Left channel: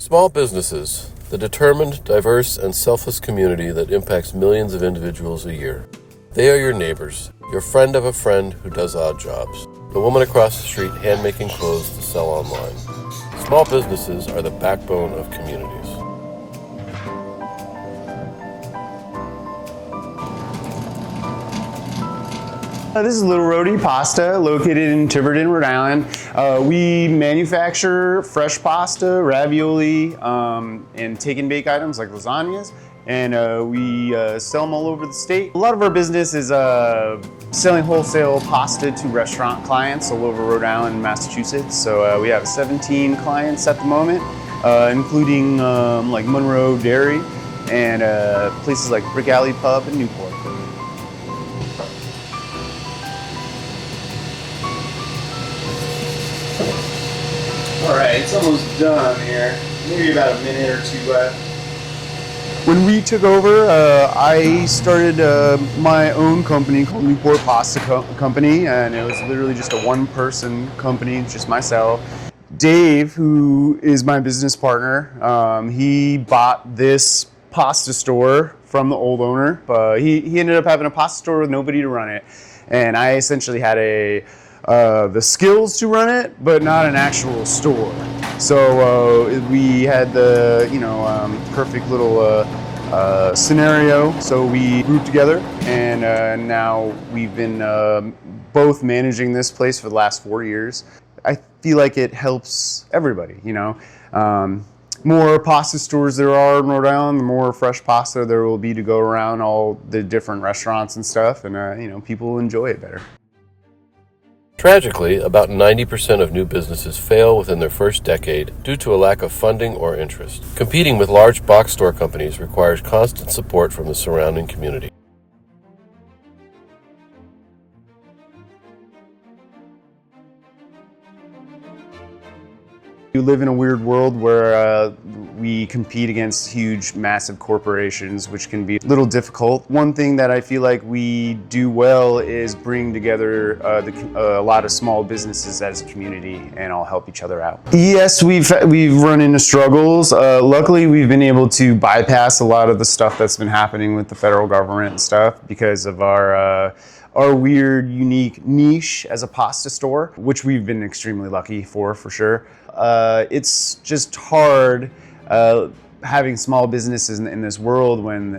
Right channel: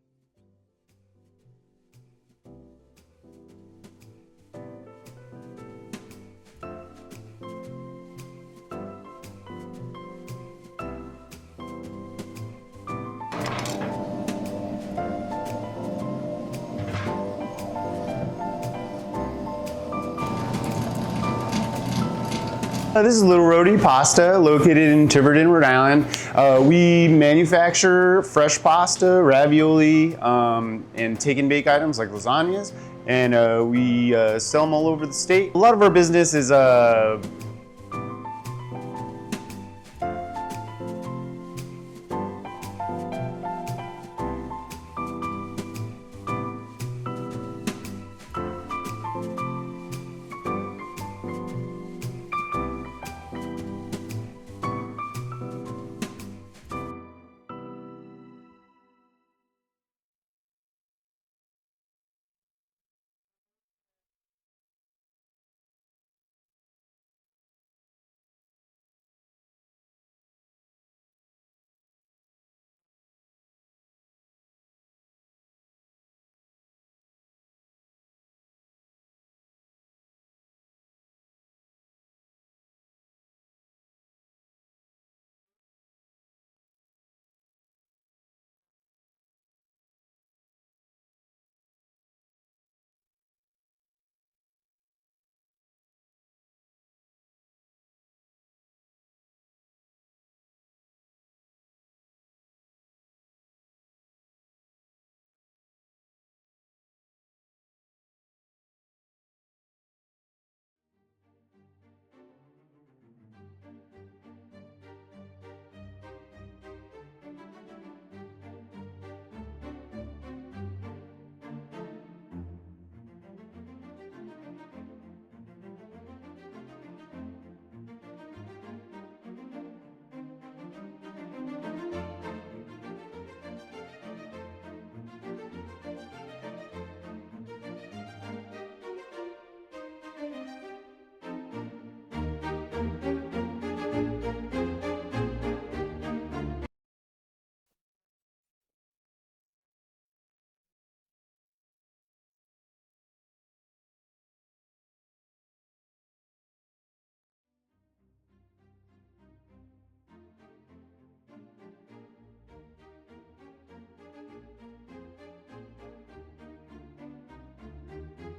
Small businesses, the determined, diverse, and selfless community that impacts millions of individuals a year. They are your neighbors, your friend of a friend who does odd jobs, the woman across the street hand-making clothes to sell online. Small businesses are the backbone of communities. This is Little Rhodey Pasta, located in Tiverton, Rhode Island. We manufacture fresh pasta, ravioli, and take and bake items like lasagnas, and we sell them all over the state. A lot of our business is selling wholesale pasta to restaurant clients all over Rhode Island and Massachusetts. So we have 17 clients at the moment, including like Monroe Dairy and places like Brick Alley Pub in Newport. All right, it's almost done here. Maybe about a minute or two left. When we took over, I started my own company called Newport Pasta Company, and it was literally just a one-person company, just myself. Dave, who is my business partner, he bought this pasta store from the old owner. He ended up having a pasta store with nobody to run it, and I essentially had the skills to run it, but not an actual store. So we had the perfect little scenario. So we grouped together, and now we've been both managing this place for the last 4 years. I feel like it helps everybody. More pasta stores there are in Rhode Island, the more fresh pasta there will be to go around all the different restaurants and stuff, and people will enjoy it better. Tragically, about 90% of new businesses fail within their first decade due to a lack of funding or interest. Competing with large box store companies requires constant support from the surrounding community. We live in a weird world where we compete against huge, massive corporations, which can be a little difficult. One thing that I feel like we do well is bring together a lot of small businesses as a community and all help each other out. Yes, we've run into struggles. Luckily, we've been able to bypass a lot of the stuff that's been happening with the federal government and stuff because of our weird, unique niche as a pasta store, which we've been extremely lucky for sure. It's just hard having small businesses in this world when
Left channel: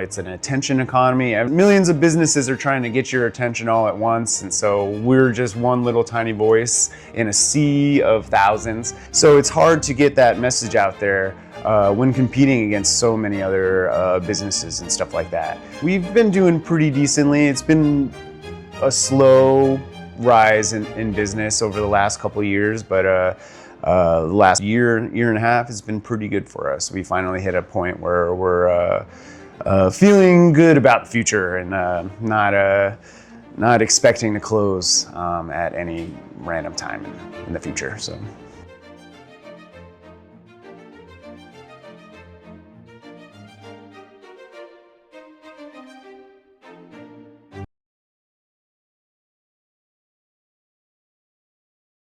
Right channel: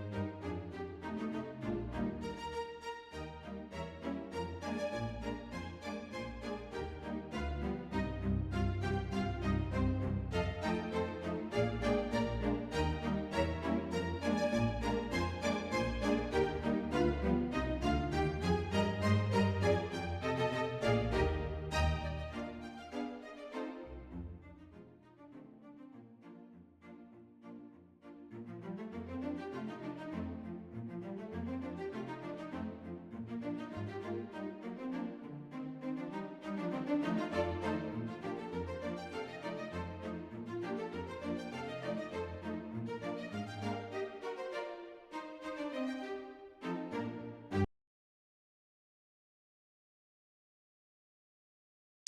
it's an attention economy. Millions of businesses are trying to get your attention all at once, and so we're just one little tiny voice in a sea of thousands. So it's hard to get that message out there when competing against so many other businesses and stuff like that. We've been doing pretty decently. It's been a slow rise in business over the last couple of years, but the last year and a half has been pretty good for us. We finally hit a point where we're feeling good about the future and not expecting to close at any random time in the future. So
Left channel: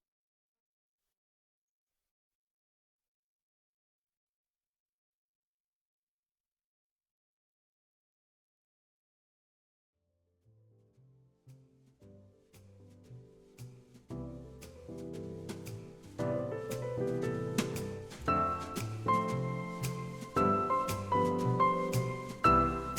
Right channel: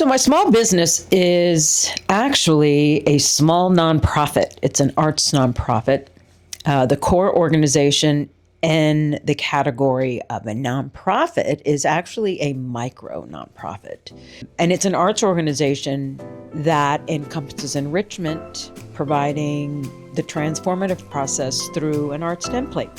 my small business is actually a small nonprofit. It's an arts nonprofit. The core organization in the category of a nonprofit is actually a micro nonprofit. And it's an arts organization that encompasses enrichment, providing the transformative process through an arts template.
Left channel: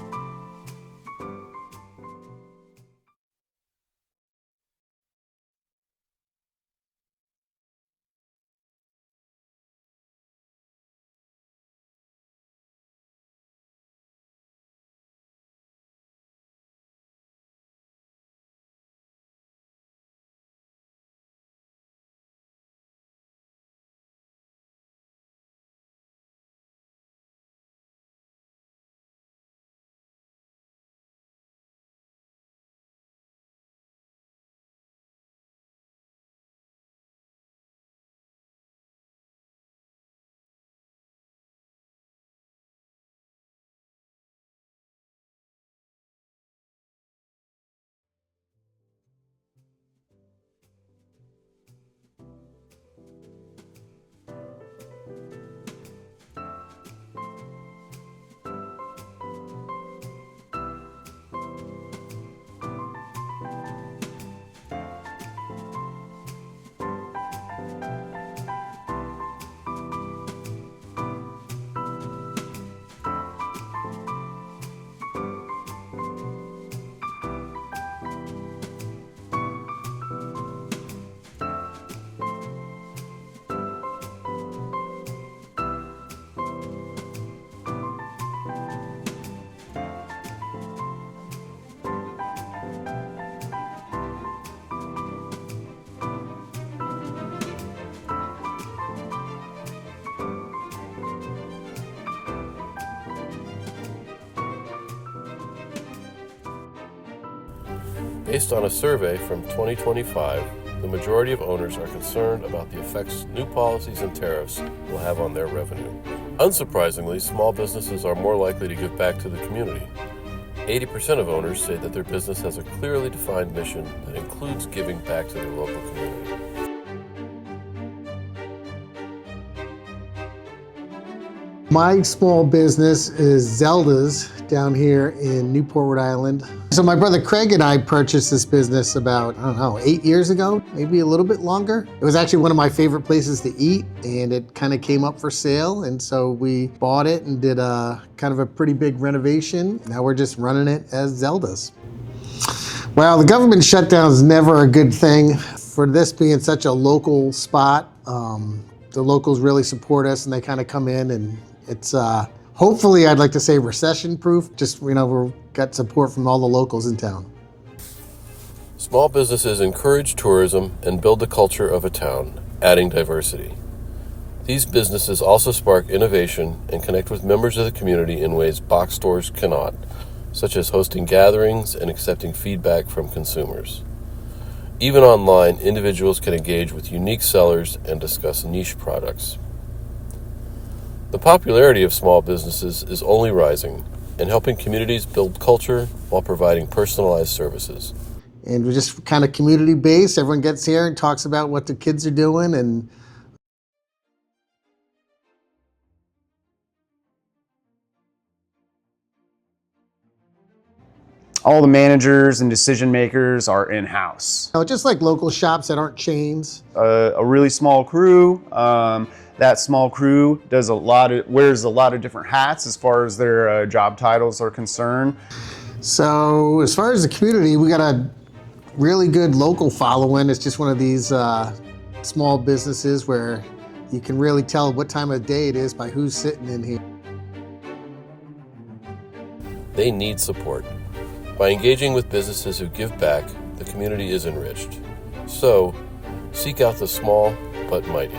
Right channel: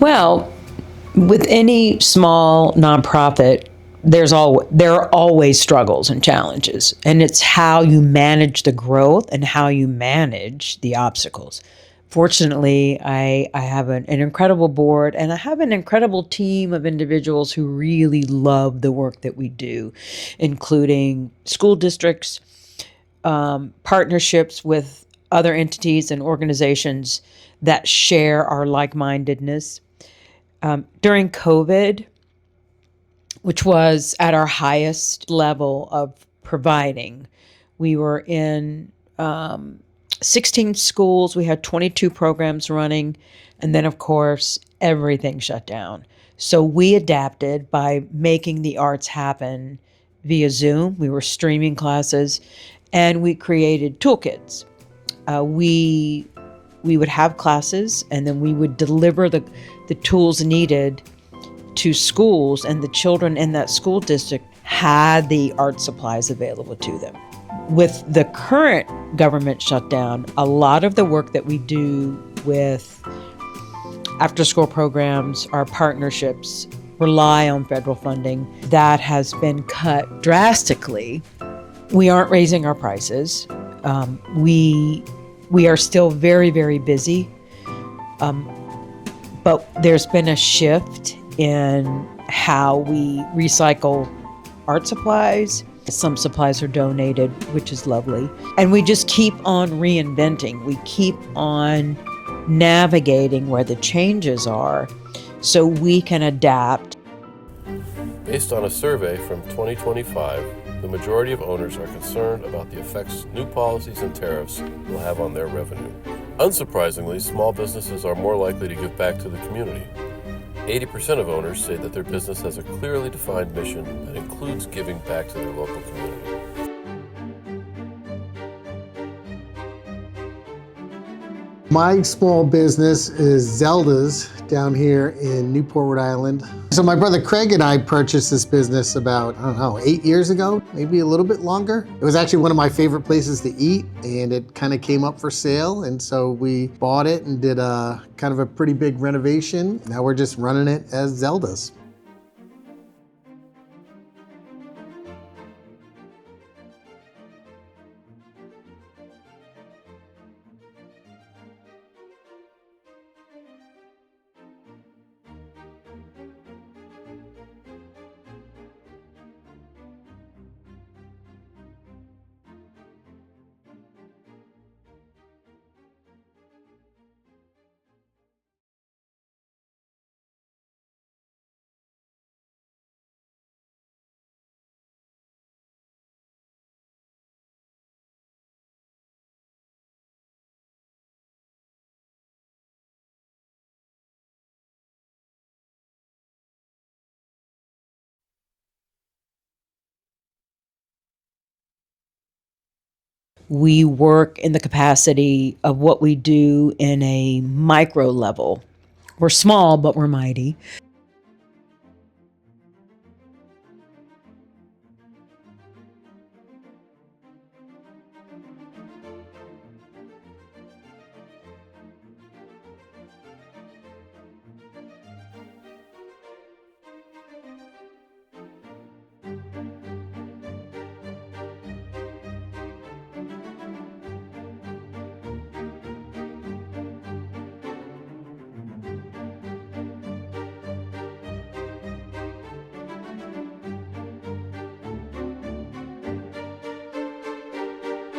Well, with any small nonprofit, there are always struggles and challenges, and it's how you manage the growth and how you manage the obstacles. Fortunately, I have an incredible board, and I have an incredible team of individuals who really love the work that we do, including school districts, partnerships with other entities and organizations that share our like-mindedness. During COVID, which was at our highest level of providing, we were in 16 schools. We had 22 programs running. And then, of course, everything shut down. So we adapted by making the arts happen via Zoom. We were streaming classes, and we created toolkits. We would have classes, and then we would deliver the tools needed to schools, and the children in that school district had the art supplies available to them. With the current government shutdown, a lot of the work that we do with after-school programs, our partnerships, rely on federal funding. That has been cut drastically. We aren't raising our prices. We are still very, very busy. But there's been a shift in how we recycle art supplies. Some supplies are donated, which is lovely. And we just keep on reinventing. We keep on navigating where the changes are so we can adapt. Based on a survey from 2025, the majority of owners are concerned about the effects new policies and tariffs will have on their revenue. Unsurprisingly, small businesses are more likely to give back to the community. 80% of owners say that their business has a clearly defined mission that includes giving back to their local community. My small business is Zelda's down here in Newport, Rhode Island. So my brother Craig and I purchased this business about, 8 years ago, maybe a little bit longer. It was actually one of my favorite places to eat, and it kind of came up for sale. And so we bought it and did a kind of a pretty big renovation. Now we're just running it as Zelda's. Well, the government shutdown is never a good thing. For this being such a local spot, the locals really support us, and they kind of come in, and it's hopefully, I'd like to say, recession-proof. Just, we've got support from all the locals in town. Small businesses encourage tourism and build the culture of a town, adding diversity. These businesses also spark innovation and connect with members of the community in ways box stores cannot, such as hosting gatherings and accepting feedback from consumers. Even online, individuals can engage with unique sellers and discuss niche products. The popularity of small businesses is only rising and helping communities build culture while providing personalized services. And we're just kind of community-based. Everyone gets here and talks about what the kids are doing. And We work in the capacity of what we do in a micro level. We're small, but we're mighty. All the managers and decision makers are in-house. just like local shops that aren't chains. A really small crew. That small crew wears a lot of different hats as far as their job titles are concerned. So as far as the community, we got a really good local following. It's just one of these small businesses where you can really tell what time of day it is by who's sitting in here. They need support. By engaging with businesses who give back, the community is enriched. So, seek out the small but mighty.